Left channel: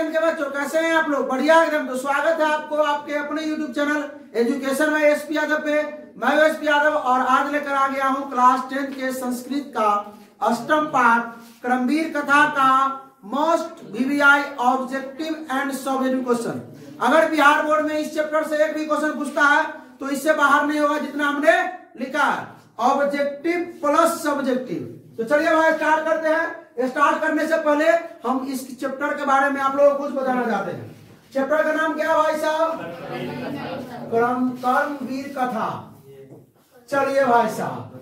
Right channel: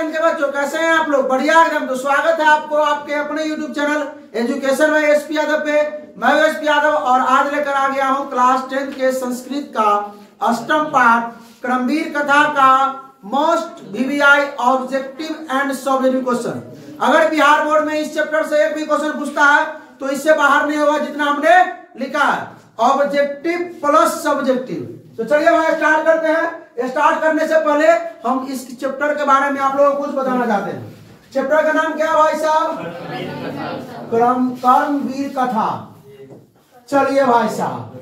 10 के बच्चों, कैसे हैं आप लोग? बढ़िया एकदम। तो स्वागत है आपको आपके अपने YouTube चैनल एजुकेशन में एसपी यादव पे। मैं एसपी यादव और आज लेकर आ गया हूं क्लास 10 के संस्कृत का अष्टम पाठ क्रमवीर कथा का most VVI objective and subjective question. अगर बिहार बोर्ड में इस चैप्टर से एक भी क्वेश्चन पूछता है तो इससे बाहर नहीं होगा जितना हमने लिखा है, ऑब्जेक्टिव प्लस सब्जेक्टिव। तो चलिए भाई स्टार्ट करते हैं। स्टार्ट करने से पहले हम इस चैप्टर के बारे में आप लोगों को कुछ बताना चाहते हैं। चैप्टर का नाम क्या है भाई साहब? कर्मवीर कथा। चलिए भाई साहब,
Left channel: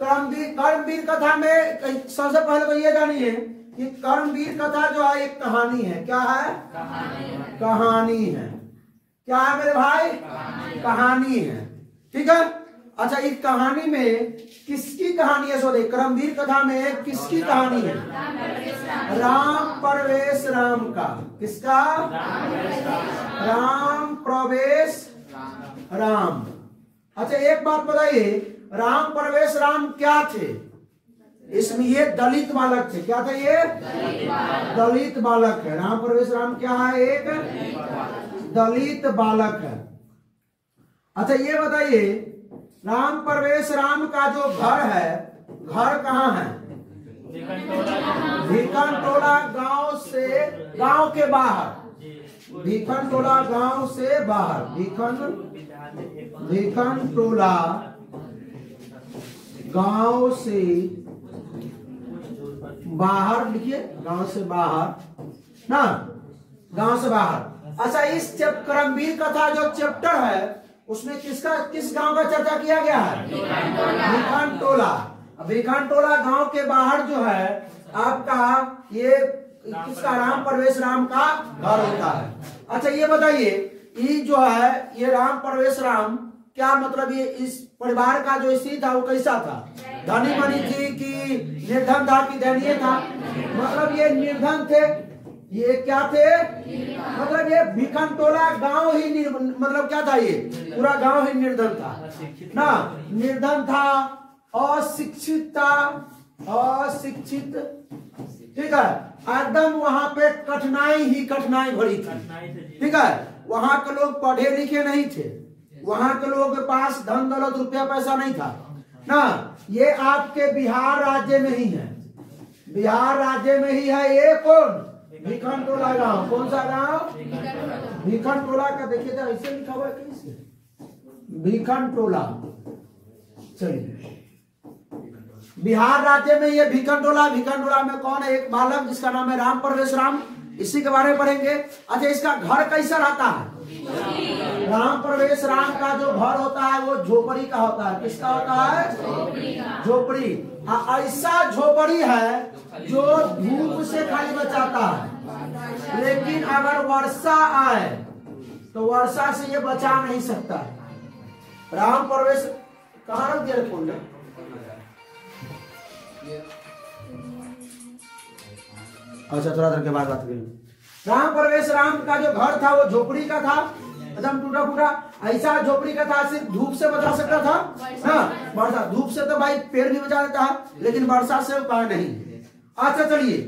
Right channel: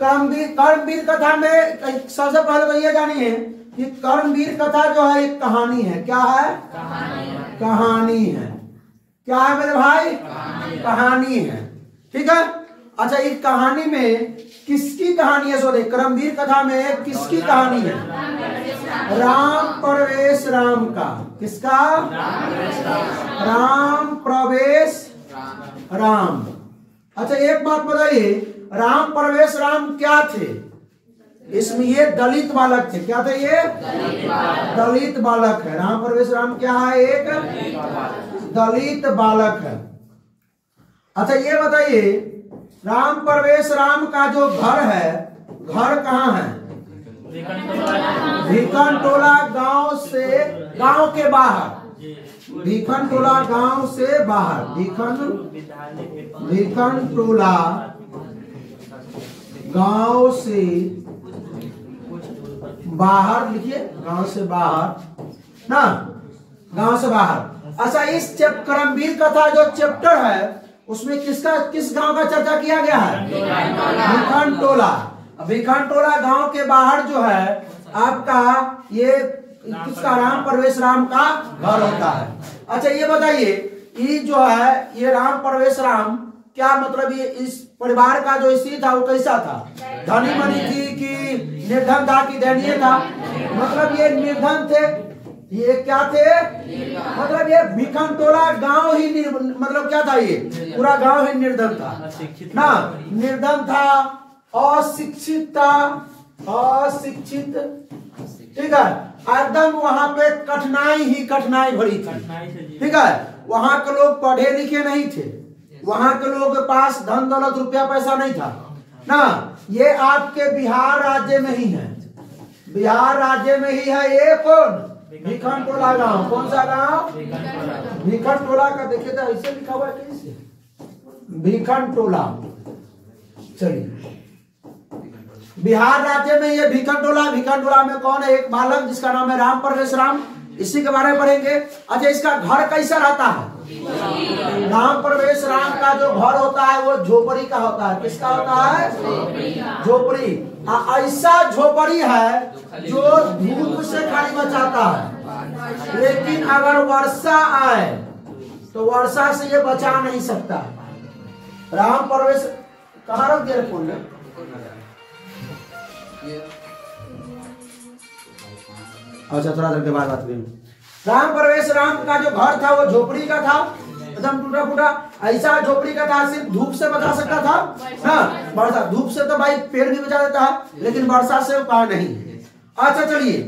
कर्मवीर कथा में सबसे पहले तो ये जानिए कि कर्मवीर कथा जो है एक कहानी है। क्या है? कहानी है। क्या है मेरे भाई? कहानी है। ठीक है। अच्छा, इस कहानी में किसकी कहानी है? सॉरी, कर्मवीर कथा में किसकी कहानी है? राम प्रवेश राम का। किसका? राम प्रवेश राम। अच्छा, एक बात बताइए, राम प्रवेश राम क्या थे? इसमें ये दलित बालक थे। क्या थे ये? दलित बालक है। राम प्रवेश राम क्या है? एक दलित बालक है। अच्छा, ये बताइए, राम प्रवेश राम का जो घर है, घर कहाँ है? भिखन टोला गांव से, गांव के बाहर। भिखन टोला गांव से बाहर। भिखन टोला गांव से बाहर लिखिए, गांव से बाहर ना, गांव से बाहर। अच्छा, इस कर्मवीर कथा जो चैप्टर है उसमें किस गांव का चर्चा किया गया है? भिखन टोला। भिखन टोला गांव के बाहर जो है आपका ये किसका? राम प्रवेश राम का घर होता है। अच्छा, ये बताइए, ये जो है ये राम प्रवेश राम क्या मतलब ये इस परिवार का जो स्थिति था वो कैसा था? धनी मनी थी कि निर्धन था कि दयनीय था? मतलब ये निर्धन थे। ये क्या थे? मतलब ये भिखन टोला गांव ही मतलब क्या था? ये पूरा गांव ही निर्धन था ना, निर्धन था, अशिक्षित था, अशिक्षित। ठीक है, एकदम वहां पे कठिनाई ही कठिनाई भरी थी। ठीक है, वहां के लोग पढ़े लिखे नहीं थे, वहां के लोगों के पास धन दौलत रुपया पैसा नहीं था ना। ये आपके बिहार राज्य में ही है, बिहार राज्य में ही है। ये कौन? भिखन टोला गांव। कौन सा गांव? भिखन टोला का। देखिए तो ऐसे लिखा हुआ है, कैसे? भिखन टोला। चलिए, बिहार राज्य में ये भिखन टोला। भिखन टोला में कौन है? एक बालक जिसका नाम है राम प्रवेश राम। इसी के बारे में पढ़ेंगे। अच्छा, इसका घर कैसा रहता है? राम प्रवेश राम का जो घर होता है वो झोपड़ी का होता है। किसका होता है? झोपड़ी। ऐसा झोपड़ी है जो धूप से खाली बचाता है, लेकिन अगर वर्षा आए तो वर्षा से ये बचा नहीं सकता है। राम प्रवेश कहाँ रख दिया फूल? अच्छा, थोड़ा देर के बाद बात करेंगे। राम प्रवेश राम का जो घर था वो झोपड़ी का था, एकदम टूटा फूटा। ऐसा झोपड़ी का था, सिर्फ धूप से बचा सकता था ना, वर्षा। धूप से तो भाई पेड़ भी बचा देता है, लेकिन वर्षा से उपाय नहीं। अच्छा, चलिए,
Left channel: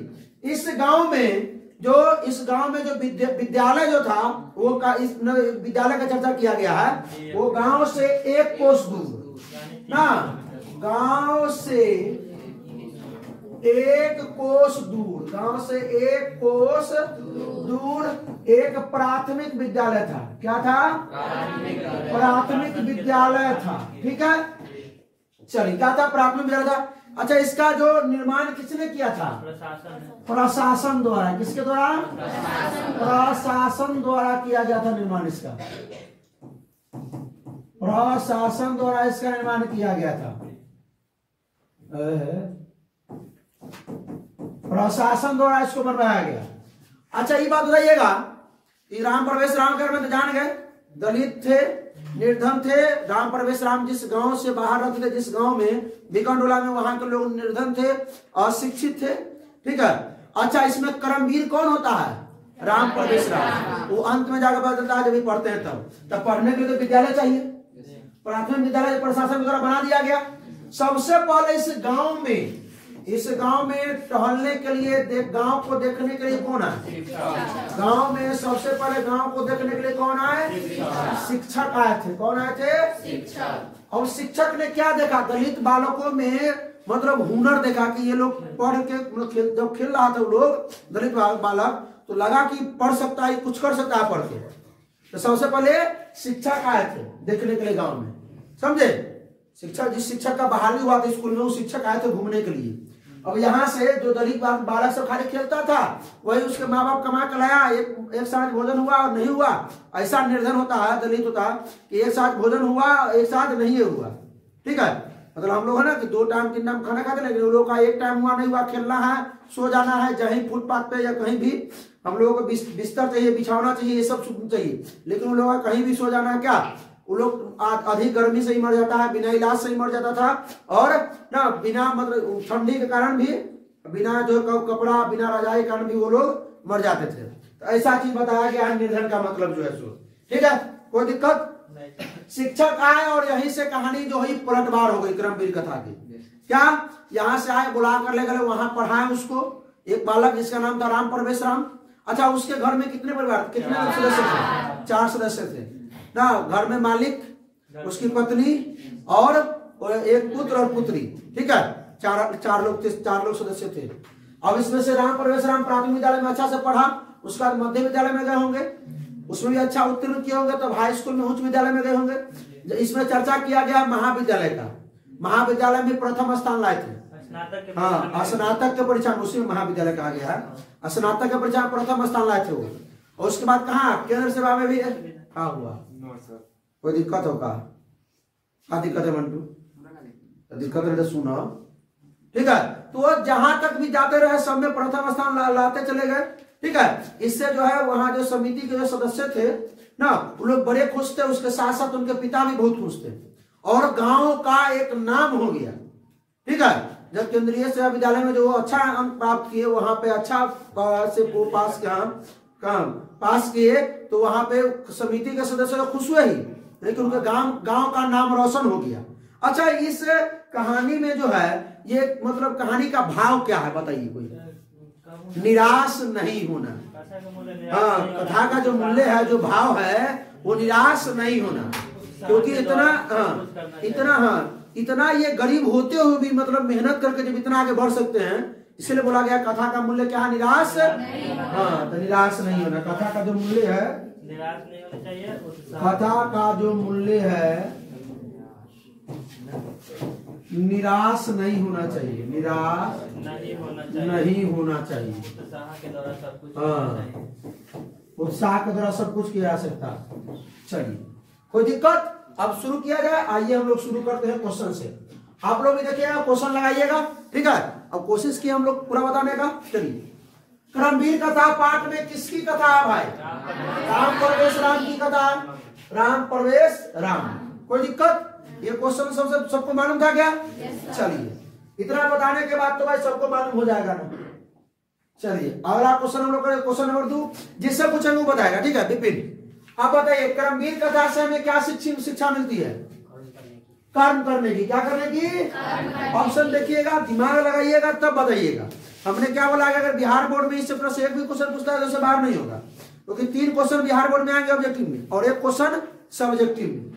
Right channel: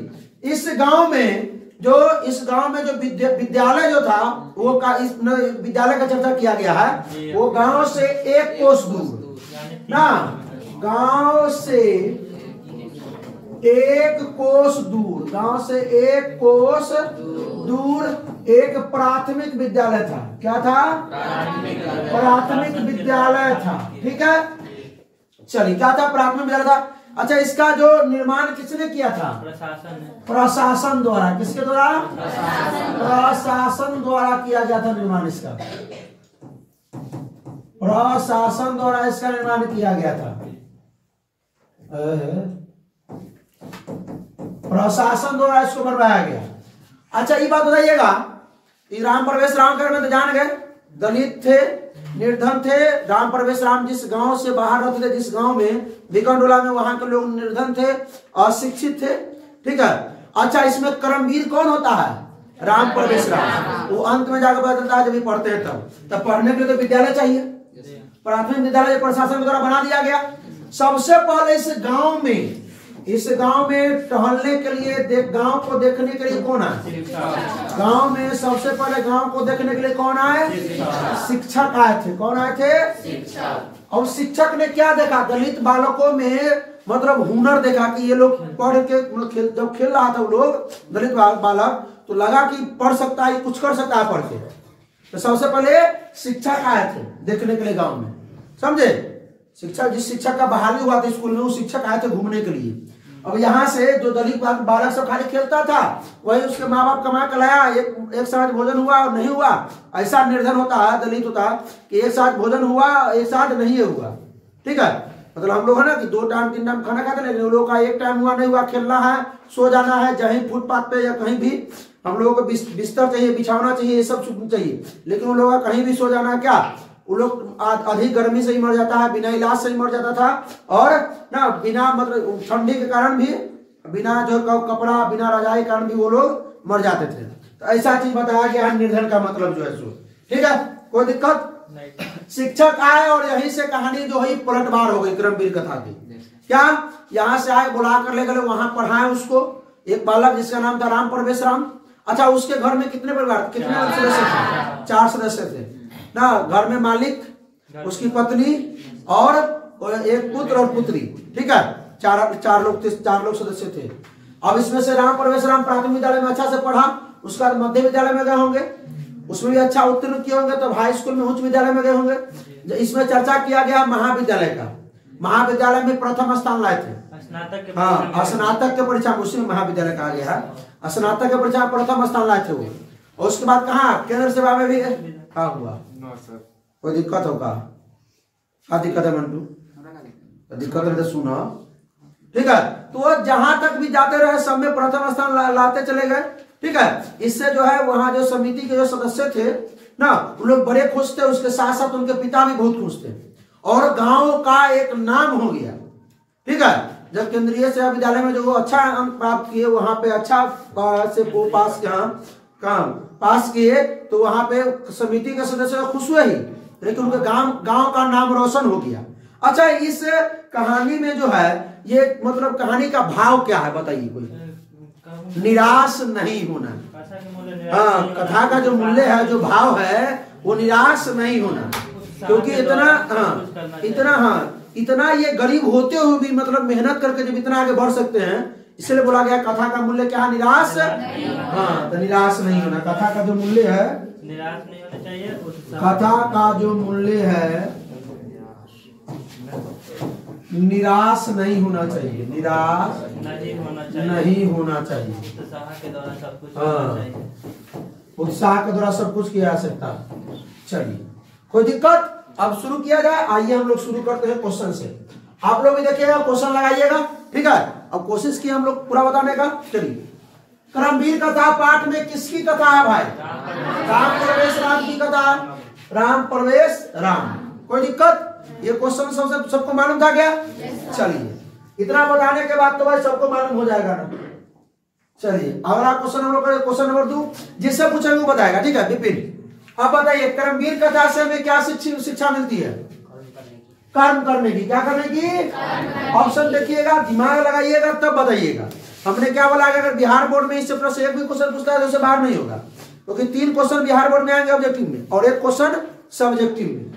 इस गांव में जो विद्यालय जो था वो इस विद्यालय का चर्चा किया गया है। वो गांव से 1 कोस दूर ना, गांव से 1 कोस दूर, गांव से 1 कोस दूर एक प्राथमिक विद्यालय था। क्या था? प्राथमिक विद्यालय था। ठीक है, चलिए, क्या था? प्राथमिक विद्यालय था। अच्छा, इसका जो निर्माण किसने किया था? प्रशासन द्वारा। किसके द्वारा? प्रशासन द्वारा किया गया था निर्माण इसका। प्रशासन द्वारा इसका निर्माण किया गया था। प्रशासन द्वारा इसको बनवाया गया। अच्छा, ये बात बताइएगा, राम प्रवेश राम के में तो जान गए, दलित थे, निर्धन थे। राम प्रवेश राम जिस गांव से बाहर रहते थे, जिस गांव में भिखन टोला में, वहां के लोग निर्धन थे, अशिक्षित थे। ठीक है। अच्छा, इसमें कर्मवीर कौन होता है? राम प्रवेश राम। वो अंत में जाकर पता चलता है जब भी पढ़ते हैं तब पढ़ने के लिए तो विद्यालय चाहिए। प्राथमिक विद्यालय प्रशासन के द्वारा बना दिया गया। सबसे पहले इस गांव में इस गांव में टहलने के लिए, गांव को देखने के लिए कौन आए? गांव में सबसे पहले गांव को देखने के लिए कौन आए? शिक्षक आए थे। कौन आए थे? और शिक्षक ने क्या देखा? दलित बालकों में मतलब हुनर देखा कि ये लोग पढ़ के जब खेल रहा था वो लोग दलित बालक, तो लगा कि पढ़ सकता है, कुछ कर सकता है पढ़ के। तो सबसे पहले शिक्षक आए थे देखने के लिए गांव में, समझे? शिक्षक, जिस शिक्षक का बहाली हुआ था स्कूल में, वो शिक्षक आए थे घूमने के लिए। अब यहाँ से जो दलित बालक सब खाली खेलता था, वही उसके माँ बाप कमा के लाया, एक साथ भोजन हुआ और नहीं हुआ। ऐसा निर्धन होता है, दलित होता है कि एक साथ भोजन हुआ, एक साथ नहीं हुआ। ठीक है, मतलब हम लोग है ना कि 2 टाइम 3 टाइम खाना खाते, लेकिन उन लोगों का एक टाइम हुआ नहीं हुआ, खेलना है, सो जाना है, जहीं फुटपाथ पे या कहीं भी हम लोगों को बिस्तर चाहिए, बिछाना चाहिए, ये सब चाहिए। लेकिन उन लोगों का कहीं भी सो जाना है, क्या वो लोग अधिक गर्मी से ही मर जाता है, बिना इलाज से ही मर जाता था, और ना बिना मतलब ठंडी के कारण भी, बिना जो कपड़ा, बिना रजाई के कारण भी वो लोग मर जाते थे। तो ऐसा चीज बताया गया निर्धन का मतलब जो है सो। ठीक है, कोई दिक्कत? शिक्षक आए और यहीं से कहानी जो है पलटवार हो गई क्रमवीर कथा की। क्या? यहाँ से आए, बुला कर ले गए, वहां पढ़ाए उसको। एक बालक जिसका नाम था राम प्रवेश राम। अच्छा, उसके घर में कितने परिवार, कितने सदस्य थे? 4 सदस्य थे ना। घर में मालिक, उसकी पत्नी और एक पुत्र और पुत्री। ठीक है, चार लोग सदस्य थे। अब इसमें से राम प्रवेश राम प्राथमिक विद्यालय में अच्छा से पढ़ा, उसके बाद मध्य विद्यालय में गए होंगे, उसमें भी अच्छा उत्तीर्ण किए होंगे, तो हाई स्कूल में, उच्च विद्यालय में गए होंगे। इसमें चर्चा किया गया महाविद्यालय का। महाविद्यालय में प्रथम स्थान लाए थे। हाँ, स्नातक के परीक्षा में, उसी में महाविद्यालय कहा गया है। स्नातक के परीक्षा में प्रथम स्थान लाए थे वो। और उसके बाद कहा केंद्र सेवा में भी कहा हुआ। कोई दिक्कत होगा? क्या दिक्कत है मंटू? दिक्कत है तो सुना। ठीक है, तो जहां तक भी जाते रहे सब में प्रथम स्थान लाते चले गए। ठीक है, इससे जो है वहां जो समिति के जो सदस्य थे ना, वो लोग बड़े खुश थे, उसके साथ साथ उनके पिता भी बहुत खुश थे, और गांव का एक नाम हो गया। ठीक है, जब केंद्रीय सेवा विद्यालय में जो अच्छा अंक प्राप्त किए, वहां पे अच्छा से पास किए, तो वहां पे समिति के सदस्य खुश हुए ही, लेकिन उनके गांव का नाम रोशन हो गया। अच्छा, इस कहानी में जो है ये मतलब कहानी का भाव क्या है बताइए कोई? निराश नहीं होना। हाँ, कथा का जो मूल्य है, जो भाव है, वो निराश नहीं होना। क्योंकि इतना ये गरीब होते हुए भी मतलब मेहनत करके जब इतना आगे बढ़ सकते हैं, इसलिए बोला गया कथा का मूल्य क्या है? निराश। हाँ, तो निराश नहीं होना। कथा का जो मूल्य है, निराश नहीं होना चाहिए। कथा का जो मूल्य है, निराश नहीं होना चाहिए। निराश नहीं होना चाहिए। उत्साह के द्वारा सब कुछ। हाँ, उत्साह के द्वारा सब कुछ किया जा सकता। चलिए, कोई दिक्कत? अब शुरू किया जाए। आइए हम लोग शुरू करते हैं क्वेश्चन से। आप लोग भी देखिएगा, क्वेश्चन लगाइएगा। ठीक है, अब कोशिश की हम लोग पूरा बताने का। चलिए, क्रमवीर कथा पाठ में किसकी कथा है भाई? राम प्रवेश राम की कथा। राम प्रवेश राम। कोई दिक्कत? ये क्वेश्चन सबको मालूम था क्या? चलिए, इतना बताने के बाद तो भाई सबको मालूम हो जाएगा ना। चलिए, अगला क्वेश्चन हम लोग क्वेश्चन नंबर 2, जिससे पूछेंगे वो बताएगा। ठीक है, विपिन अब बताइए, क्रमवीर कथा से हमें क्या शिक्षा मिलती है? कर्म करने की। क्या करने की? ऑप्शन देखिएगा, दिमाग लगाइएगा, तब बताइएगा। हमने क्या बोला, अगर बिहार बोर्ड में इस चैप्टर से एक भी क्वेश्चन पूछता है तो उसे बाहर नहीं होगा, क्योंकि 3 क्वेश्चन बिहार बोर्ड में आएंगे ऑब्जेक्टिव में, और 1 क्वेश्चन सब्जेक्टिव में।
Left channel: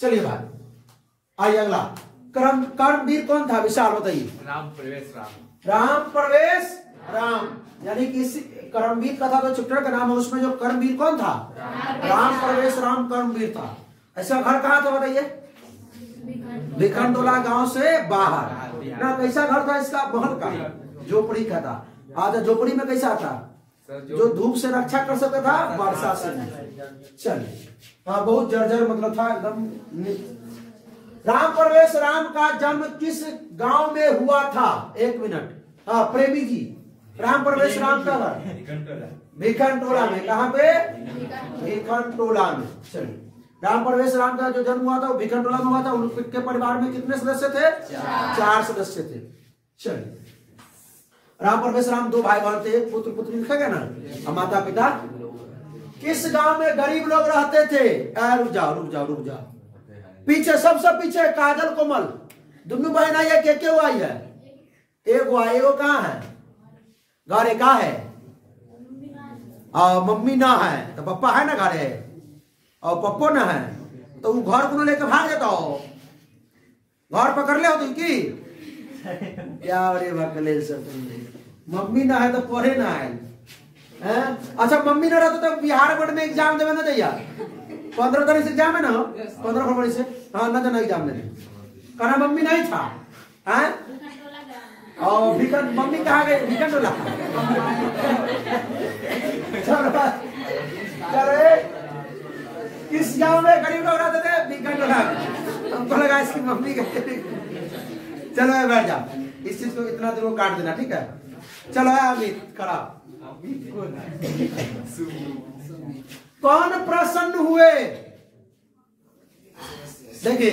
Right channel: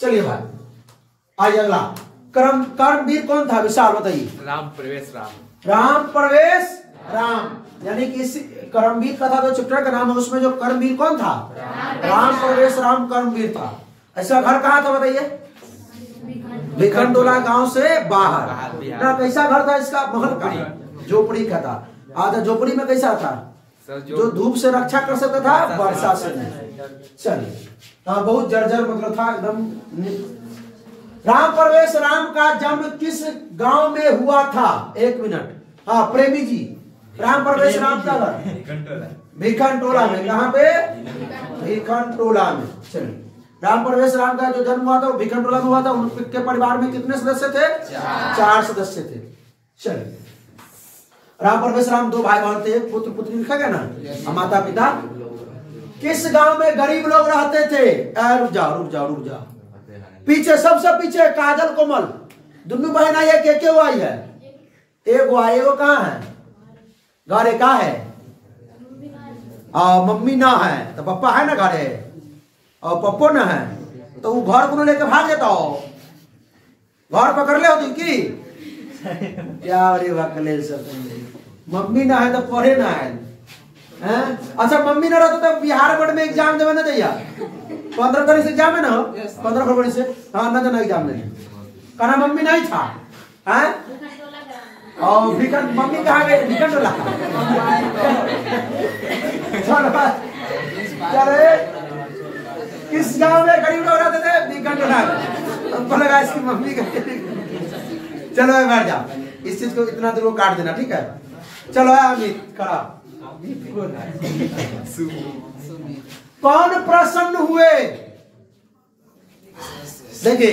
चलिए भाई, आइए अगला। कर्मवीर कौन था? विशाल बताइए। राम प्रवेश राम। राम प्रवेश राम, यानी कि कर्मवीर कथा तो चैप्टर का नाम है, उसमें जो कर्मवीर कौन था? राम प्रवेश राम कर्मवीर था। ऐसा घर कहाँ था बताइए? भिखनटोला गांव से बाहर ना। कैसा घर था इसका? महल का, झोपड़ी का था। आधा झोपड़ी में कैसा था? जो धूप से रक्षा कर सकता था, वर्षा से नहीं। चलिए, बहुत जर्जर मतलब था एकदम। राम प्रवेश राम का जन्म किस गांव में हुआ था? 1 मिनट। हाँ, प्रेमी जी, राम प्रवेश राम का भिखनटोला में। कहाँ पे? भिखनटोला में। चलिए, राम प्रवेश राम का जो जन्म हुआ था वो भिखनटोला में हुआ था। उनके परिवार में कितने सदस्य थे? 4 सदस्य थे। चलिए, राम प्रवेश राम 2 भाई बहन थे, पुत्र पुत्री लिखा गया ना, माता पिता। किस गांव में गरीब लोग रहते थे? रुक जाओ। पीछे, सबसे पीछे काजल कोमल, दोनों बहन आई है, के आई है? एगो एगो कहाँ है? घरे का है? मम्मी ना है तो पप्पा है ना घरे, और पप्पो ना है तो वो घर को लेके भाग जाता हो, घर पकड़ ले हो तुम की क्या? अरे वकले सब मम्मी ना है तो पढ़े ना है। अच्छा मम्मी ना रहता तो बिहार बोर्ड में एग्जाम देवे ना दैया, 15 तारीख से एग्जाम है ना, 15 फरवरी से। हाँ ना जाना एग्जाम में, कहना मम्मी नहीं था है। और मम्मी कहाँ गई? भिकंडोला। चलो किस गांव में गरीब लोग रहते थे? भिकंडोला में। हमको लगा इसकी मम्मी का। चलो बैठ जाओ, इस चीज को इतना दूर काट देना, ठीक है? चलो अमित करा। कौन प्रसन्न हुए? देखिए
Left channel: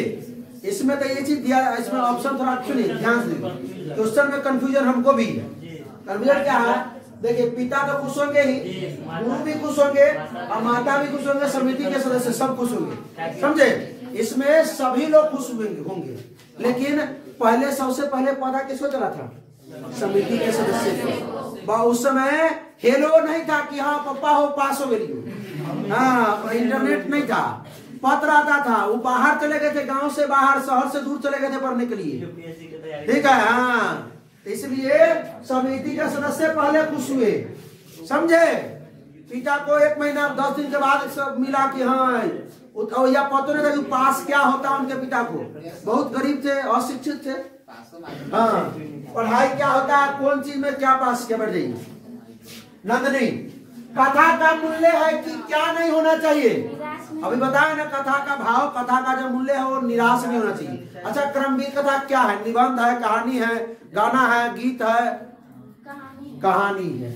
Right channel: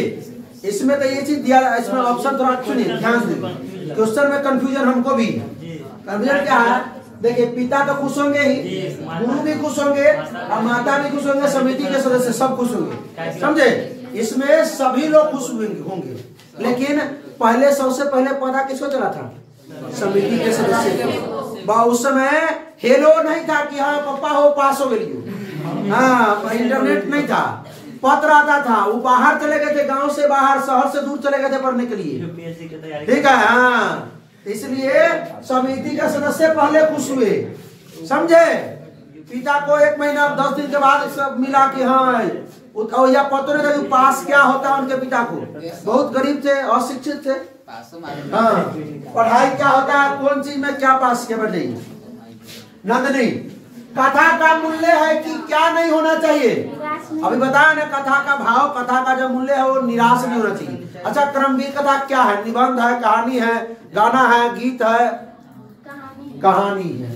इसमें तो ये चीज दिया, इसमें ऑप्शन थोड़ा सुनिए ध्यान से, क्वेश्चन में कंफ्यूजन हमको भी। कंफ्यूजन क्या है? देखिए पिता तो खुश होंगे ही, गुरु भी खुश होंगे, और माता भी खुश होंगे, समिति के सदस्य सब खुश होंगे, समझे? इसमें सभी लोग खुश होंगे, लेकिन पहले सबसे पहले पता किसको चला था? समिति के सदस्य को। उस समय हेलो नहीं था कि हाँ पापा हो पास हो गई, हाँ इंटरनेट नहीं था, पत्र आता था, वो बाहर चले गए थे, गांव से बाहर, शहर से दूर चले गए थे पढ़ने के लिए, ठीक है? हाँ इसलिए समिति के सदस्य पहले खुश हुए, समझे? पिता को 1 महीना 10 दिन के बाद सब मिला कि हाँ, या पता नहीं था पास क्या होता है उनके पिता को, बहुत गरीब थे, अशिक्षित थे। हाँ पढ़ाई क्या होता है, कौन चीज में क्या पास किया, बैठ जाइए। नंदनी, कथा का मूल्य है कि क्या नहीं होना चाहिए? अभी बताया ना कथा का भाव, कथा का जो मूल्य है वो निराश नहीं होना चाहिए। अच्छा क्रमवीर कथा क्या है? निबंध है, कहानी है, गाना है, गीत है, कहानी है।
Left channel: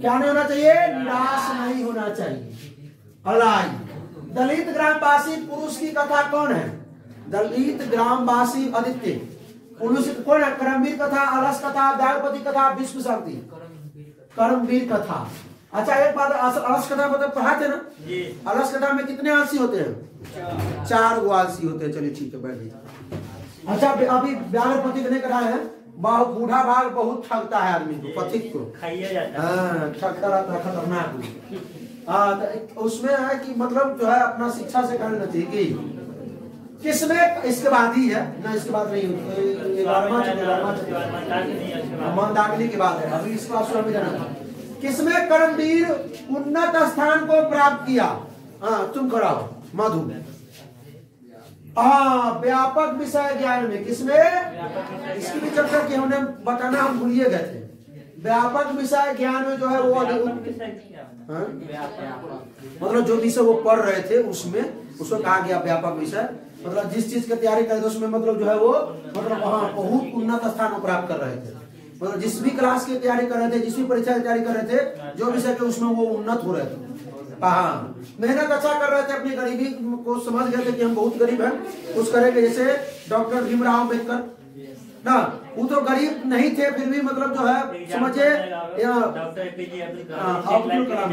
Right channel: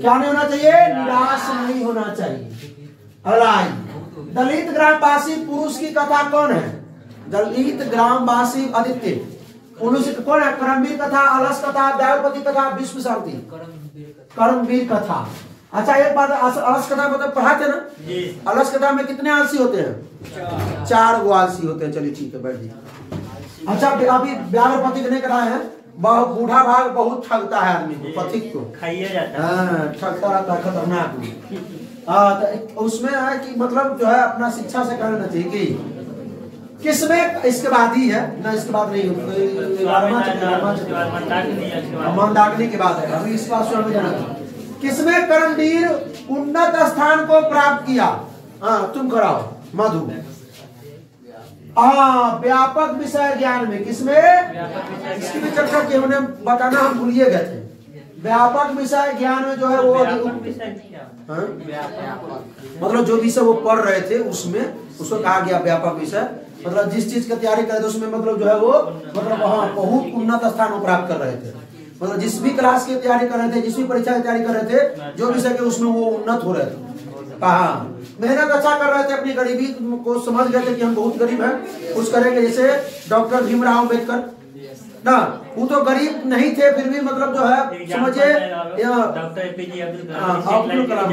क्या नहीं होना चाहिए? निराश नहीं होना चाहिए। अलाई दलित ग्रामवासी पुरुष की कथा कौन है? दलित ग्रामवासी आदित्य पुरुष कौन है? कर्मवीर कथा, अलस कथा, व्यापति कथा, विश्व शांति, कर्मवीर कथा। अच्छा एक बात, अलस कथा मतलब पढ़ा थे ना? अलस कथा में कितने आलसी होते हैं? 4 गो आलसी होते हैं। चलिए ठीक है बैठ जाइए। अच्छा अभी व्यापति नहीं कराए हैं, बूढ़ा भाग बहुत ठगता है आदमी को, पथिक को ठगता रहता है, खतरनाक। तो उसमें है कि मतलब जो है अपना शिक्षा से करना चाहिए कि किसमें, इसके बाद ही है ना, इसके बाद नहीं, मंदाकिनी के बाद है, अभी इसका स्वयं में जाना। किसमें कर्मवीर उन्नत स्थान को प्राप्त किया? हाँ तुम कराओ मधु। हाँ व्यापक विषय ज्ञान में, किसमें? इसकी भी चर्चा की हमने, बताना हम भूलिए गए थे। व्यापक विषय ज्ञान में जो है वो मतलब जो विषय वो पढ़ रहे थे उसमें उसको कहा गया व्यापक विषय। मतलब जिस चीज की तैयारी कर रहे थे उसमें मतलब जो है वो मतलब हाँ बहुत उन्नत स्थान प्राप्त कर रहे थे। मतलब जिस भी क्लास की तैयारी कर रहे थे, जिस भी परीक्षा की तैयारी कर रहे थे, जो विषय के उसमें वो उन्नत हो रहे थे। हाँ मेहनत अच्छा कर रहे थे, अपनी गरीबी को समझ गए थे कि हम बहुत गरीब हैं, कुछ करेंगे। जैसे डॉक्टर भीमराव अम्बेडकर ना, वो तो गरीब नहीं थे फिर भी मतलब जो है समझे, अब्दुल कलाम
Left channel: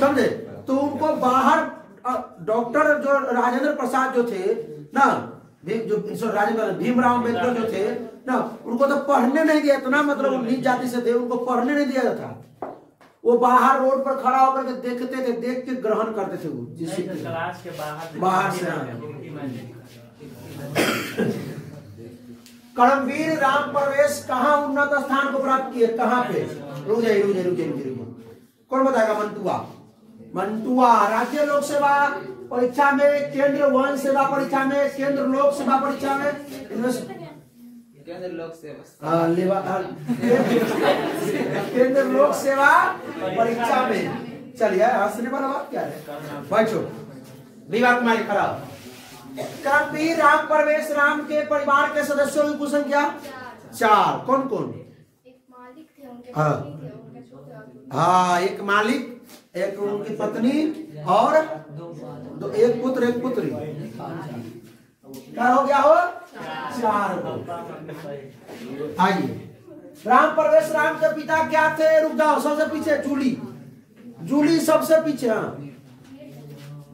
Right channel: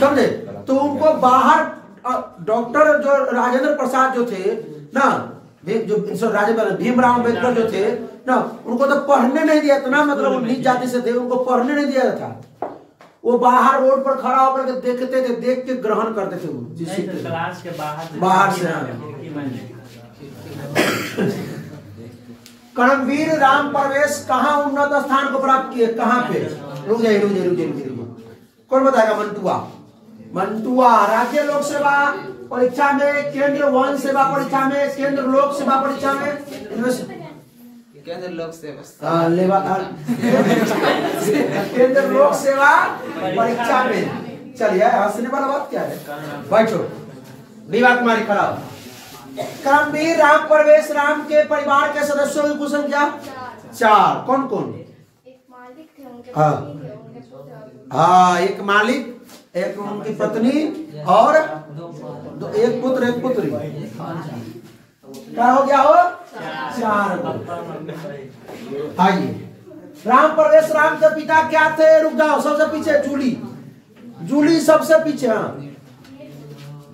समझे, तो उनको बाहर डॉक्टर जो राजेंद्र प्रसाद जो थे ना, जो राजेंद्र भीमराव अम्बेडकर जो थे ना, उनको तो पढ़ने नहीं दिया, इतना मतलब नीच जाति से थे, उनको पढ़ने नहीं दिया था। वो बाहर रोड पर खड़ा होकर के देखते थे, देख के ग्रहण करते थे वो जिस क्लास के बाहर से। कर्मवीर राम प्रवेश कहाँ उन्नत स्थान को प्राप्त किए? कहाँ पे? रुक जाइए कौन बताएगा? मंटुआ राज्य लोक सेवा परीक्षा में, केंद्र वन सेवा परीक्षा में, केंद्र लोक सेवा परीक्षा में, केंद्र लोक सेवा परीक्षा में। चलिए हंसने वाला बात क्या है? बैठो। विवाह कुमारी खड़ा हो। कर्मवीर राम प्रवेश राम के परिवार के सदस्यों की कुल संख्या 4। कौन कौन? हाँ एक मालिक, एक उनकी पत्नी और एक पुत्र एक पुत्री। क्या हो गया हो? 4। आइए राम प्रवेश राम के पिता क्या थे? रुक जाओ, सबसे पीछे जूली सबसे पीछे। हाँ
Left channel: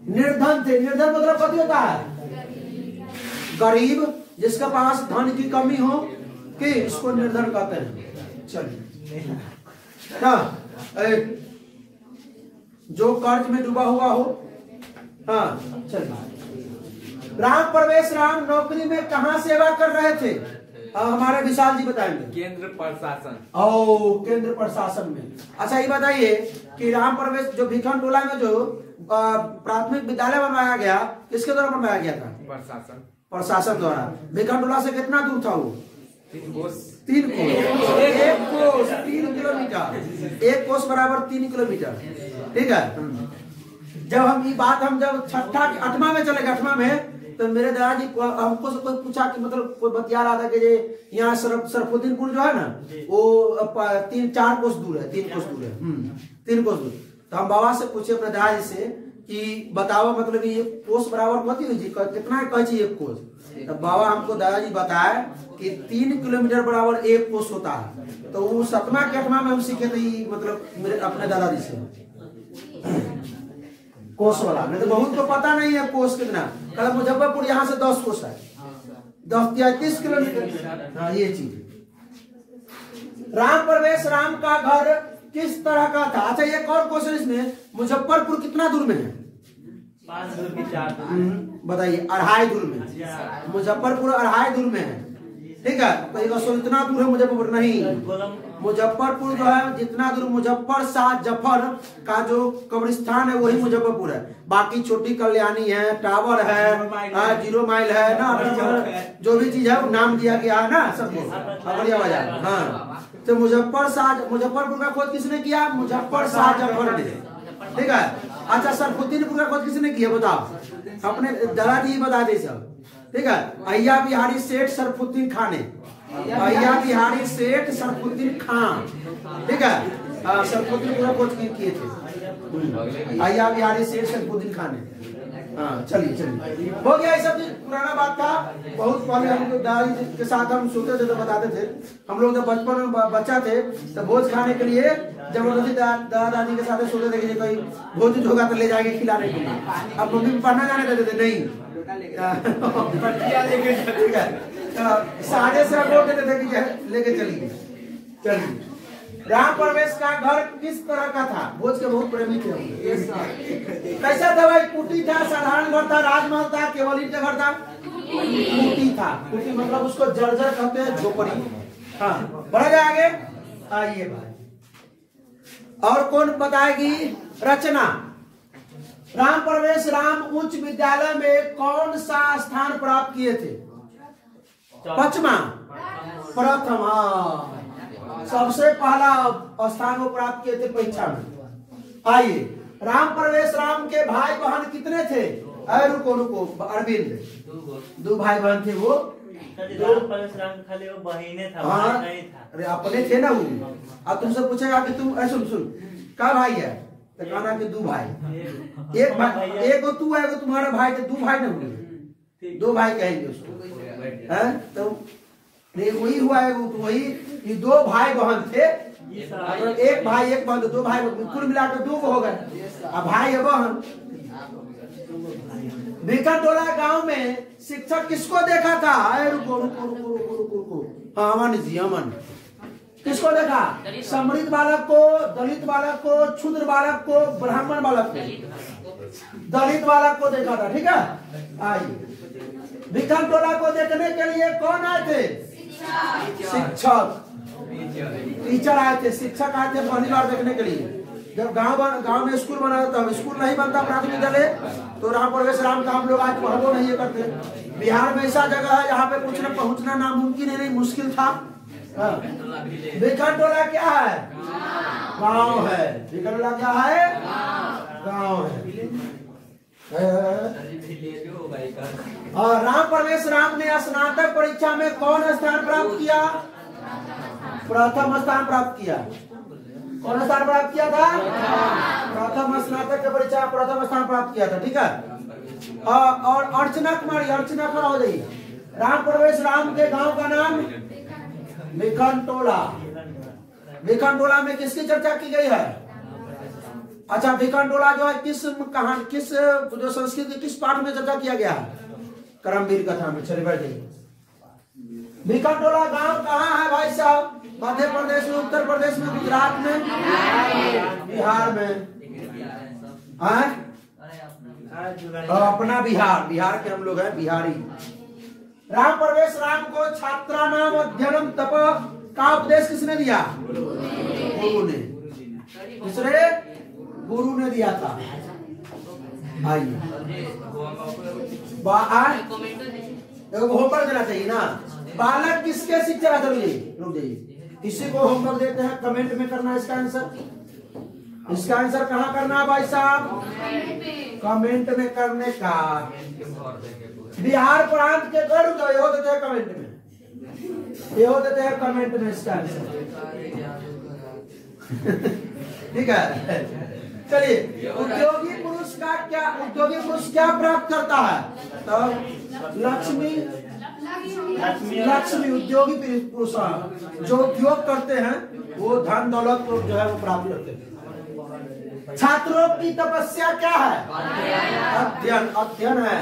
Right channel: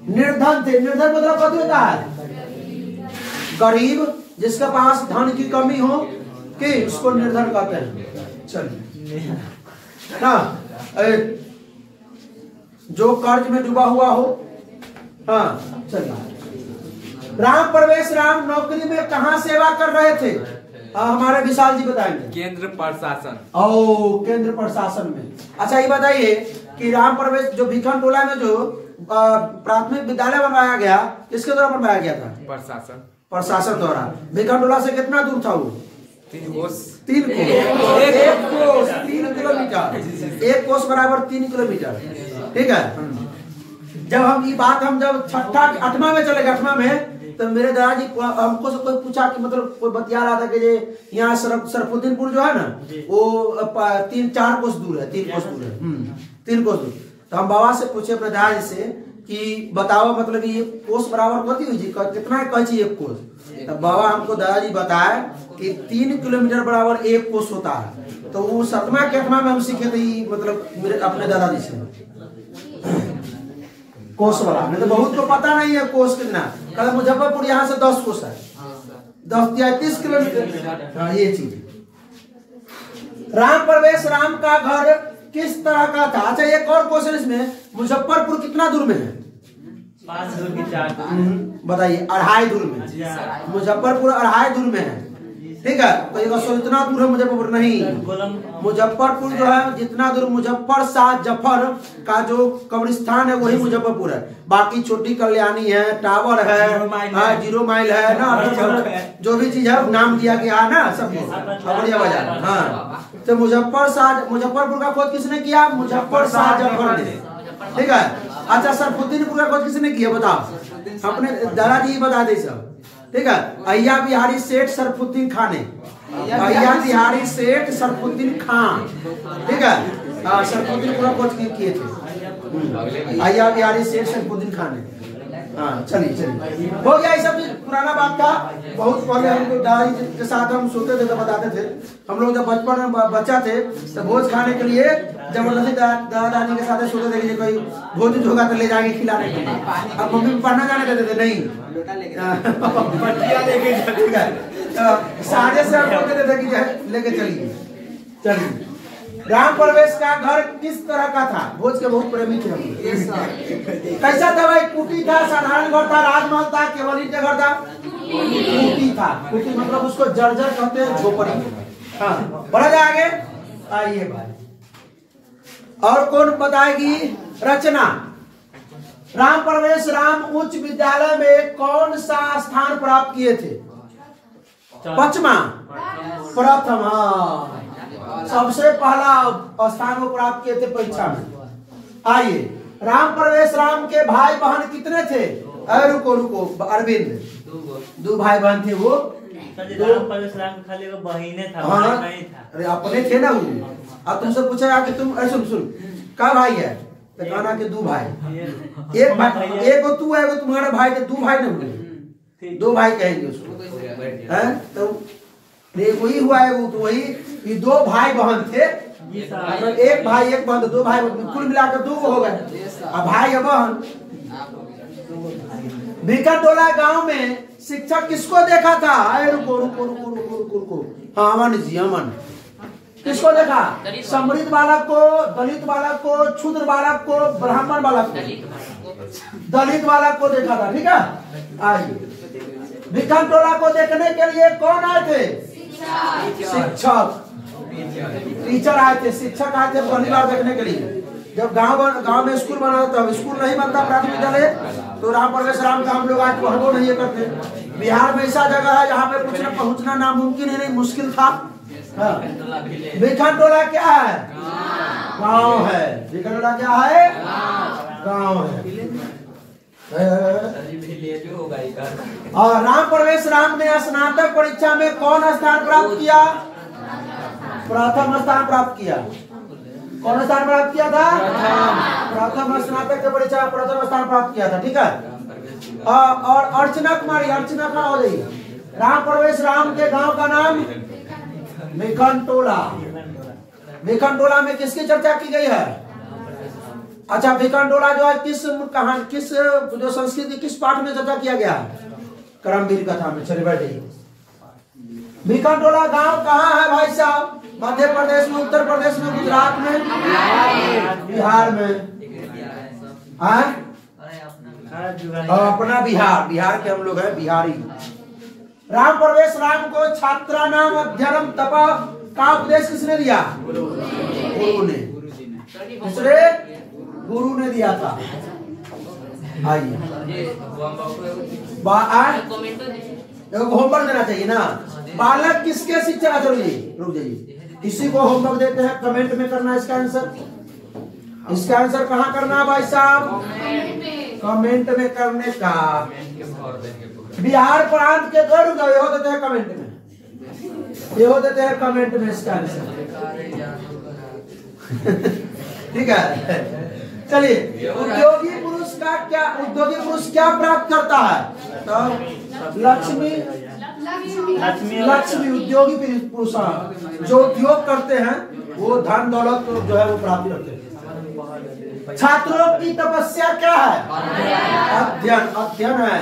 निर्धन थे। निर्धन मतलब कथी होता है? गरीब, जिसके पास धन की कमी हो कि इसको निर्धन कहते हैं। चलिए ना, जो कर्ज में डूबा हुआ हो। हाँ चलिए, राम प्रवेश राम नौकरी में कहाँ सेवा कर रहे थे? हमारे विशाल जी बताएंगे। केंद्र प्रशासन। ओ, केंद्र प्रशासन में। अच्छा ये बताइए कि राम प्रवेश जो भिखन टोला में जो प्राथमिक विद्यालय बनवाया गया, किसके द्वारा बनवाया गया था? प्रशासन द्वारा। भिखन टोला से कितना दूर था वो? 3 कोस। 3 कोस। 1 कोस 3 किलोमीटर। 1 कोस बराबर 3 किलोमीटर। ठीक है। जब हम ये बात हम जब छठा 8वां में चले गए, 8वां में, तो मेरे दादाजी हमको से कोई पूछा कि मतलब कोई बतिया रहा था कि यहाँ सरफुद्दीनपुर जो है ना वो 3-4 कोस दूर है, 3 कोस दूर है। 3 कोस दूर। तो हम बाबा से पूछे अपने दादाजी से कि बताओ मतलब ये कोस बराबर कथी हुई जी, कितना कह चाहिए 1 कोस? तो बाबा हमको दादाजी बताए कि 3 किलोमीटर बराबर 1 कोस होता है। तो वो 7वां के 8वां में हम सीखे थे मतलब मेरे अपने दादाजी से कोस वाला। नहीं तो बहुत को पता नहीं है कोस कितना। कल मुजफ्फरपुर यहाँ से 10 कोस है, 10-30 किलोमीटर। हाँ ये चीज। राम प्रवेश राम का घर किस तरह का था? अच्छा एक और क्वेश्चन इसमें, मुजफ्फरपुर कितना दूर में है? 5 दूर की 4 बताइए। 2.5 दूर में। मुजफ्फरपुर 2.5 दूर में है। ठीक है। तो ये सो इतना दूर है मुजफ्फरपुर नहीं। मुजफ्फरपुर जो है जितना दूर मुजफ्फर शाह जफर का जो कब्रिस्तान है वही मुजफ्फरपुर है। बाकी छोटी कल्याणी है, टावर है, 0 माइल है ना, जो भी चीज है नाम दिया गया है ना सबको, बढ़िया बाजार। हाँ तो मुजफ्फरपुर का खोज किसने किया? मुजफ्फर शाह जफर ने। ठीक है। अच्छा सरफुद्दीनपुर का खोज किसने किया बताओ? अपने दादाजी बता दे सब। ठीक है। अय्या बिहारी सेठ सरफुद्दीन खान ने। अय्या बिहारी सेठ सरफुद्दीन खान। ठीक है। सरफुद्दीनपुर का खोज किए थे अय्या बिहारी सेठ सरफुद्दीन खान ने। हाँ चलिए हो गया। ये सब पुराना बात था। बहुत पहले हम दादाजी के साथ हम सोते थे तो बताते थे। हम लोग जब बचपन में बच्चा थे तो भोज खाने के लिए जबरदस्ती दादा दादी के साथ सोते थे कि कोई भोज होगा तो ले जाएंगे खिलाने के लिए। अब मम्मी पढ़ना जाने देते थे नहीं, ठीक है, साझे से हम बोलते थे कि लेके चलिए। राम प्रवेश का घर किस तरह का था? भोज के बहुत प्रेमी थे। कैसा था भाई? कुटी था, साधारण घर था, राजमहल था, केवल ईंट घर था? कुटी था। कुटी मतलब उसको जर्जर कहते हैं, झोपड़ी। हाँ बढ़ा जाए आगे। आइए भाई और कौन बताएगी? रचना। राम प्रवेश राम उच्च विद्यालय में कौन सा स्थान प्राप्त किए थे? 5वां। प्रथम। सबसे पहला स्थान वो प्राप्त किए थे परीक्षा में। आइए राम प्रवेश राम के भाई बहन कितने थे? रुको अरविंद, 2 भाई बहन थे वो। राम प्रवेश राम खाली वो बहिने था। हाँ अरे अपने थे ना वो। अब तुमसे पूछेगा कि तुम सुन क्या भाई है तो कहना कि 2 भाई। एक भाई, एक तू है, एक तुम्हारा भाई, 2 भाई ना हुए, 2 भाई कहेंगे उसको। है तो वही हुआ है वो, तो वही 2 भाई बहन थे। एक भाई एक बहन, 2 भाई, कुल मिलाकर 2 हो गए। अब भाई और बहन। भिखनटोला गांव में शिक्षक किसको देखा था? रुको। हाँ अमन जी, अमन किसको देखा? समृद्ध बालक को, दलित बालक को, क्षुद्र बालक को, ब्राह्मण बालक को, दलित बालक को देखा था। ठीक है। आइए भिखनटोला को देखने के लिए कौन आए थे? शिक्षक, टीचर आए थे, शिक्षक आए थे पहली बार देखने के लिए। जब गांव में स्कूल बना था, स्कूल नहीं बनता प्राथमिक विद्यालय, तो राम प्रवेश राम का हम लोग आज पढ़ो नहीं करते। बिहार में ऐसा जगह है जहाँ पे कुछ न पहुँचना नामुमकिन है, नहीं मुश्किल था। भिखनटोला क्या है? गांव है। भिखनटोला क्या है? गांव है। और राम प्रवेश राम ने स्नातक परीक्षा में कौन स्थान प्राप्त किया? प्रथम स्थान प्राप्त किया। कौन स्थान प्राप्त किया था? प्रथम। स्नातक की परीक्षा प्रथम स्थान प्राप्त किया था। ठीक है। और अर्चना कुमारी, अर्चना खड़ा हो गई। राम प्रवेश राम के गांव का नाम भिखनटोला। भिखनटोला में किसकी चर्चा की गई है? अच्छा भिखनटोला जो है किस जो संस्कृति किस पाठ में चर्चा किया गया? करमवीर कथा में। चलिए बैठिए। भिखनटोला गांव कहाँ है भाई साहब? मध्य प्रदेश में, उत्तर प्रदेश में, गुजरात में, बिहार में, अपना बिहार के हम लोग हैं, बिहारी। राम प्रवेश राम को छात्रा नाम अध्ययनम तप का उपदेश किसने दिया? गुरु ने। दूसरे गुरु ने दिया था। आइए होमवर्क देना चाहिए ना। बालक किसके शिक्षा जरूरी? रुक जाइए, किसी को होमवर्क देते हैं, कमेंट में करना इसका आंसर। इसका आंसर कहाँ करना है भाई साहब? कमेंट में करने का। बिहार प्रांत के दो ये हो देते हैं कमेंट में, ये हो देते हैं कमेंट में इसका आंसर। ठीक है, चलिए। उद्योगी पुरुष का क्या, उद्योगी पुरुष क्या प्राप्त करता है? तो लक्ष्मी, लक्ष्मी उद्योगी पुरुष जो उद्योग करते हैं वो धन दौलत जो है वो प्राप्त करते हैं। छात्रों की तपस्या क्या है? अध्ययन। अध्ययन है,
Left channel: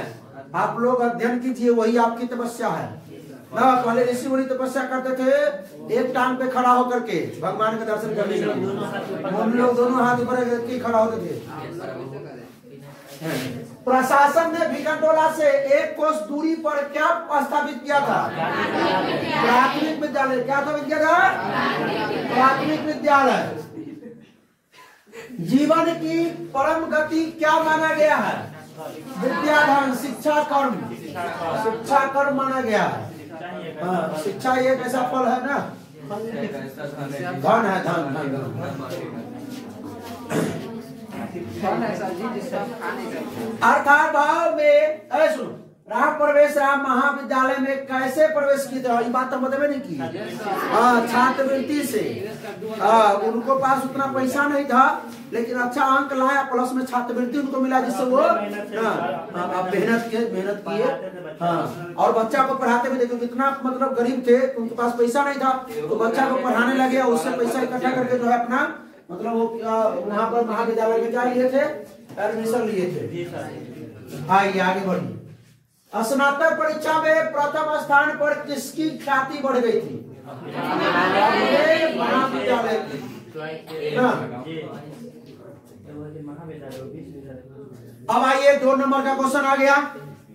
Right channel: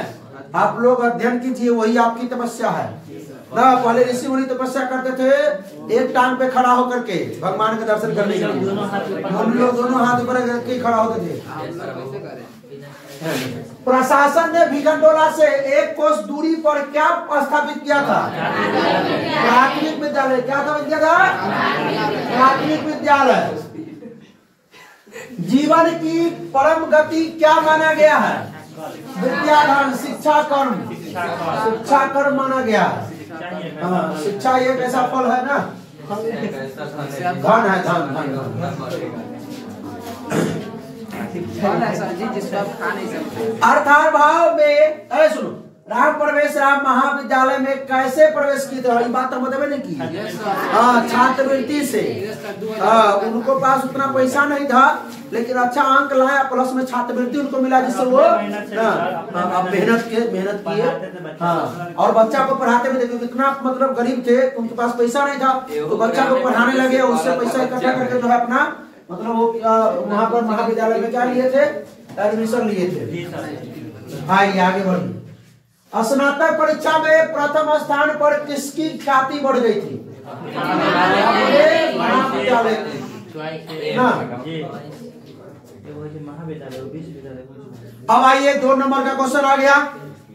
आप लोग अध्ययन कीजिए, वही आपकी तपस्या है ना। पहले ऋषि मुनि तपस्या करते थे एक टांग पे खड़ा होकर के भगवान के दर्शन करने के लिए। हम लोग दोनों हाथ ऊपर करके खड़ा होते थे। प्रशासन ने भिखनटोला से 1 कोस दूरी पर क्या स्थापित किया था? प्राथमिक विद्यालय। क्या था विद्यालय? प्राथमिक विद्यालय। जीवन की परम गति क्या माना गया है? विद्याधन, शिक्षा कर्म। शिक्षा कर्म माना गया है। हाँ, शिक्षा एक ऐसा फल है ना, धन है, धन अर्थात भाव में। अरे सुनो, राम प्रवेश राम महाविद्यालय में कैसे प्रवेश किए थे? ये बात तो मतलब नहीं की। हाँ, छात्रवृत्ति से। हाँ, उनको पास उतना पैसा नहीं था, लेकिन अच्छा अंक लाया, प्लस में छात्रवृत्ति उनको मिला, जिससे वो मेहनत किए। हाँ, और बच्चा को पढ़ाते भी देखो कितना मतलब गरीब थे, उनके पास पैसा नहीं था, तो बच्चा को पढ़ाने लगे, उससे पैसा इकट्ठा करके जो है अपना मतलब वो वहाँ पर महाविद्यालय में क्या लिए थे? एडमिशन लिए थे। आइए आगे बढ़िए। स्नातक परीक्षा में प्रथम स्थान पर किसकी ख्याति बढ़ गई थी? महाविद्यालय ना। अब आइए 2 नंबर का क्वेश्चन आ गया।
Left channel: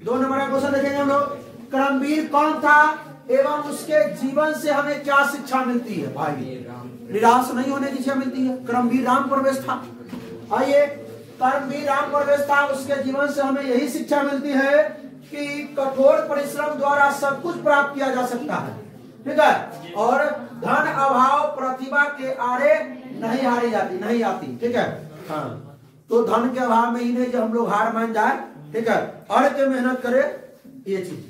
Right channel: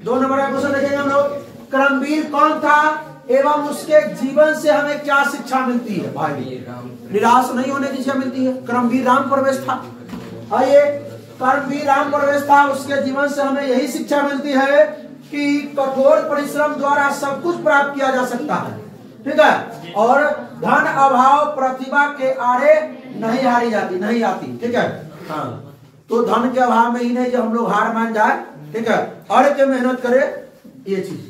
2 नंबर का क्वेश्चन देखेंगे हम लोग। कर्मवीर कौन था एवं उसके जीवन से हमें क्या शिक्षा मिलती है? भाई निराश नहीं होने की शिक्षा मिलती है। कर्मवीर राम प्रवेश था। आइए, कर्मवीर राम प्रवेश था, उसके जीवन से हमें यही शिक्षा मिलती है कि कठोर परिश्रम द्वारा सब कुछ प्राप्त किया जा सकता है। ठीक है, और धन अभाव प्रतिभा के आड़े नहीं हारी जाती, नहीं आती। ठीक है, हाँ, तो धन के अभाव में ही नहीं जो हम लोग हार मान जाए। ठीक है, अड़ के मेहनत करे, ये चीज।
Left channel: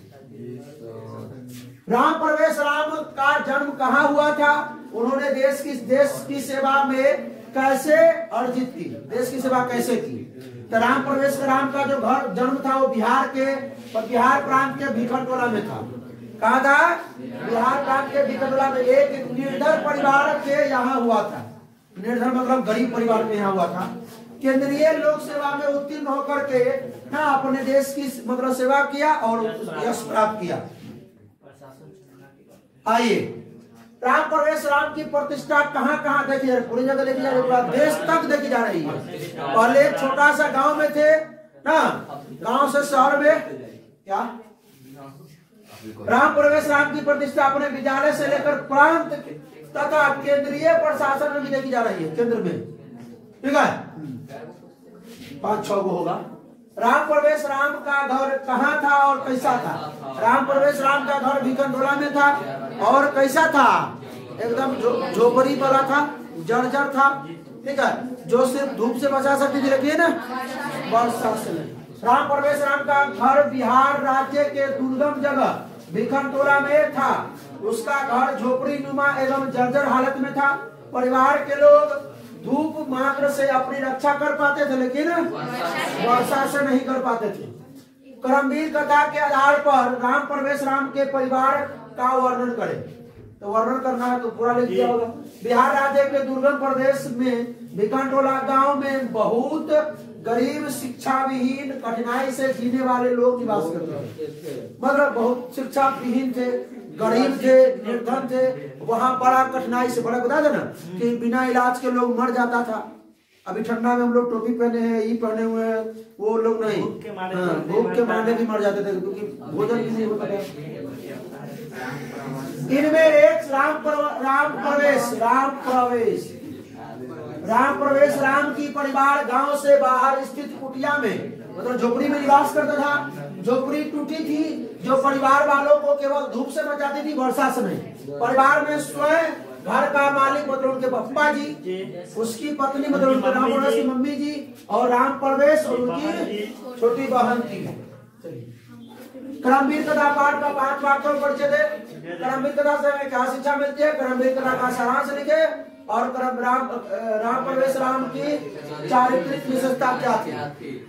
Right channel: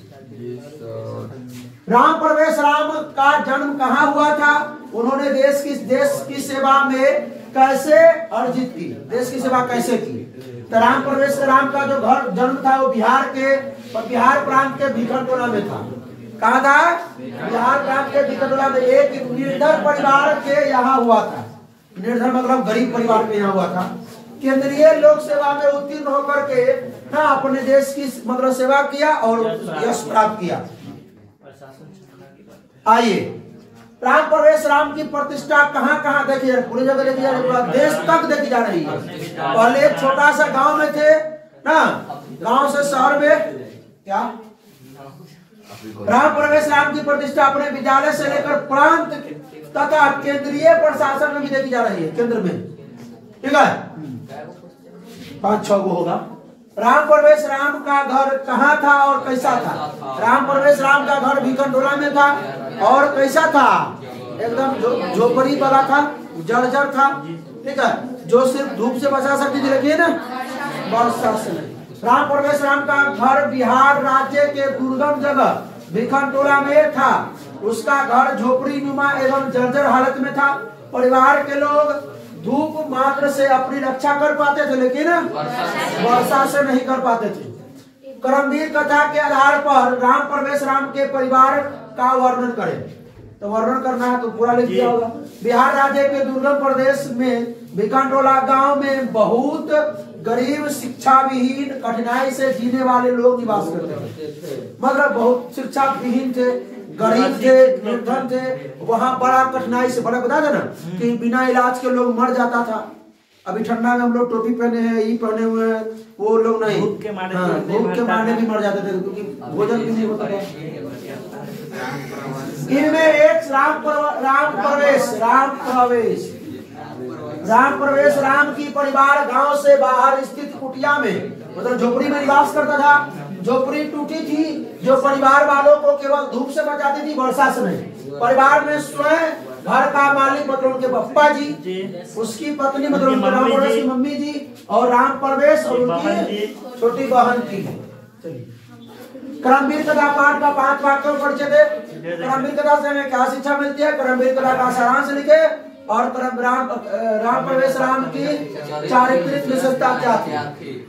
राम प्रवेश राम का जन्म कहाँ हुआ था? उन्होंने देश की सेवा में कैसे अर्जित की? देश की सेवा कैसे की? तो राम प्रवेश राम का जो घर जन्म था वो बिहार प्रांत के भिखनटोला में था। कहा था? बिहार प्रांत के भिखनटोला में एक निर्धन परिवार के यहाँ हुआ था। निर्धन मतलब गरीब परिवार के यहाँ हुआ था। केंद्रीय लोक सेवा में उत्तीर्ण होकर के ना अपने देश की मतलब सेवा किया और यश प्राप्त किया। आइए, राम प्रवेश राम की प्रतिष्ठा कहाँ कहाँ देखी, पूरी जगह देखी जा रही है, पूरा देश तक देखी जा रही है। पहले एक छोटा सा गांव में थे ना, गांव से शहर में क्या राम प्रवेश राम की प्रतिष्ठा अपने विद्यालय से लेकर प्रांत तथा केंद्रीय प्रशासन में भी देखी जा रही है, केंद्र में। ठीक है, 5-6 गो होगा। राम प्रवेश राम का घर कहाँ था और कैसा था? राम प्रवेश राम का घर भिखनटोला में था और कैसा था? एकदम झोपड़ी वाला था, जर्जर था। ठीक है, जो सिर्फ धूप से बचा सकती थी, लेकिन वर्षा से नहीं। राम प्रवेश राम का घर बिहार राज्य के दुर्गम जगह भिखनटोला में था। उसका घर झोपड़ी नुमा एवं जर्जर हालत में था। परिवार के लोग धूप मात्र से अपनी रक्षा कर पाते थे, लेकिन वर्षा से नहीं कर पाते थे। कर्मवीर कथा के आधार पर राम प्रवेश राम के परिवार का वर्णन करें। तो वर्णन करना है तो पूरा लिख दिया होगा। बिहार राज्य के दुर्गम प्रदेश में भिखनटोला गांव में बहुत गरीब, शिक्षा विहीन, कठिनाई से जीने वाले लोग निवास करते थे। मतलब बहुत शिक्षा विहीन थे, गरीब थे, निर्धन थे, वहां बड़ा कठिनाई से बड़ा बता देना कि बिना इलाज के लोग मर जाता था। अभी ठंडा में हम लोग टोपी पहने हैं, ये पहने हुए हैं, वो लोग नहीं, भूख के मारने भी मर जाते थे क्योंकि भोजन भी नहीं होता था। इनमें एक राम प्रवेश राम की परिवार गांव से बाहर स्थित कुटिया में, मतलब झोपड़ी में निवास करता था। झोपड़ी टूटी थी जो परिवार वालों को केवल धूप से बचाती थी, वर्षा से नहीं। परिवार में स्वयं घर का मालिक मतलब उनके पप्पा जी, उसकी पत्नी मतलब उनके राम प्रवेश की मम्मी जी, और राम प्रवेश और उनकी छोटी बहन थी। करमवीर कथा पाठ का 5 वाक्यों पर परिचय दे। करमवीर कथा से हमें क्या शिक्षा मिलती है? करमवीर कथा का सारांश लिखे और राम प्रवेश राम की चारित्रिक विशेषता क्या थी?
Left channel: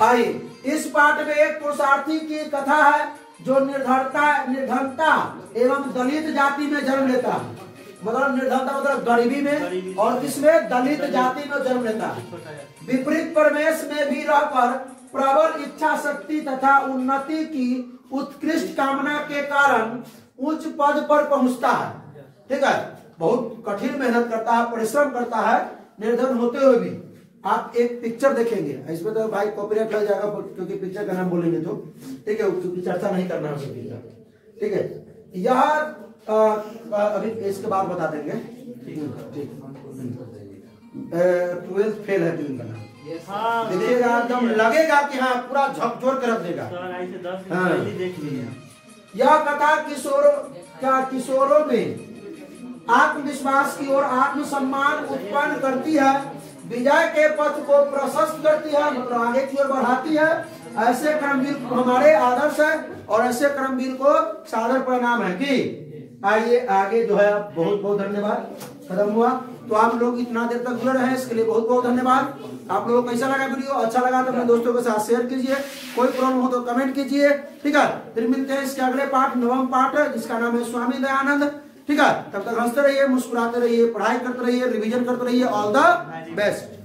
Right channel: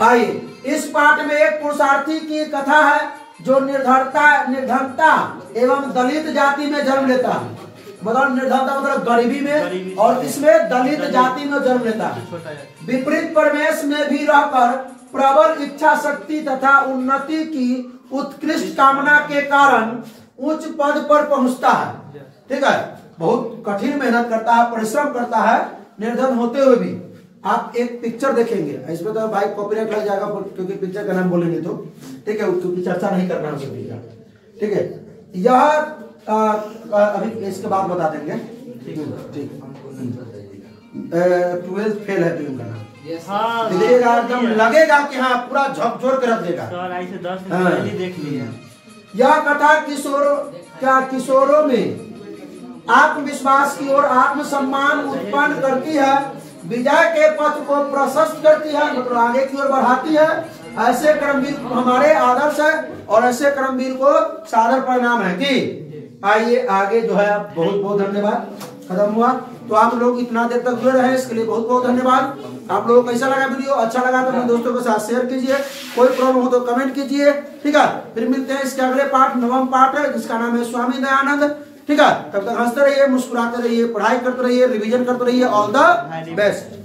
आइए, इस पाठ में एक पुरुषार्थी की कथा है जो निर्धनता एवं दलित जाति में जन्म लेता है। मतलब निर्धनता मतलब गरीबी में, और इसमें दलित जाति में जन्म लेता है। विपरीत परिवेश में भी रहकर प्रबल इच्छा शक्ति तथा उन्नति की उत्कृष्ट कामना के कारण उच्च पद पर पहुंचता है। ठीक है, बहुत कठिन मेहनत करता है, परिश्रम करता है, निर्धन होते हुए भी। आप एक पिक्चर देखेंगे, इसमें तो भाई कॉपीराइट लग जाएगा क्योंकि पिक्चर का नाम बोलेंगे तो, ठीक है, क्योंकि चर्चा नहीं करना है। ठीक है, यह अभी इसके बाद बता देंगे। ठीक, 12th फेल है फिल्म का नाम। देखिएगा एकदम लगेगा कि हाँ पूरा झकझोर कर रख देगा। देख लिया। यह कथा किशोरों में आत्मविश्वास की ओर आत्मसम्मान उत्पन्न करती है, विजय के पथ को प्रशस्त करती है, मतलब आगे की ओर बढ़ाती है। ऐसे कर्मवीर हमारे आदर्श है और ऐसे कर्मवीर को सादर परिणाम है कि आइए आगे जो है। बहुत बहुत धन्यवाद। खत्म हुआ तो आप लोग इतना देर तक जुड़े रहे, इसके लिए बहुत बहुत धन्यवाद। आप लोगों को कैसा लगा वीडियो? अच्छा लगा तो अपने दोस्तों के साथ शेयर कीजिए, कोई प्रॉब्लम हो तो कमेंट कीजिए। ठीक है, फिर मिलते हैं इसके अगले पाठ, 9वां पाठ है जिसका नाम है स्वामी दयानंद। ठीक है, तब तक हंसते रहिए, मुस्कुराते रहिए, पढ़ाई करते रहिए, रिवीजन करते रहिए। All the best.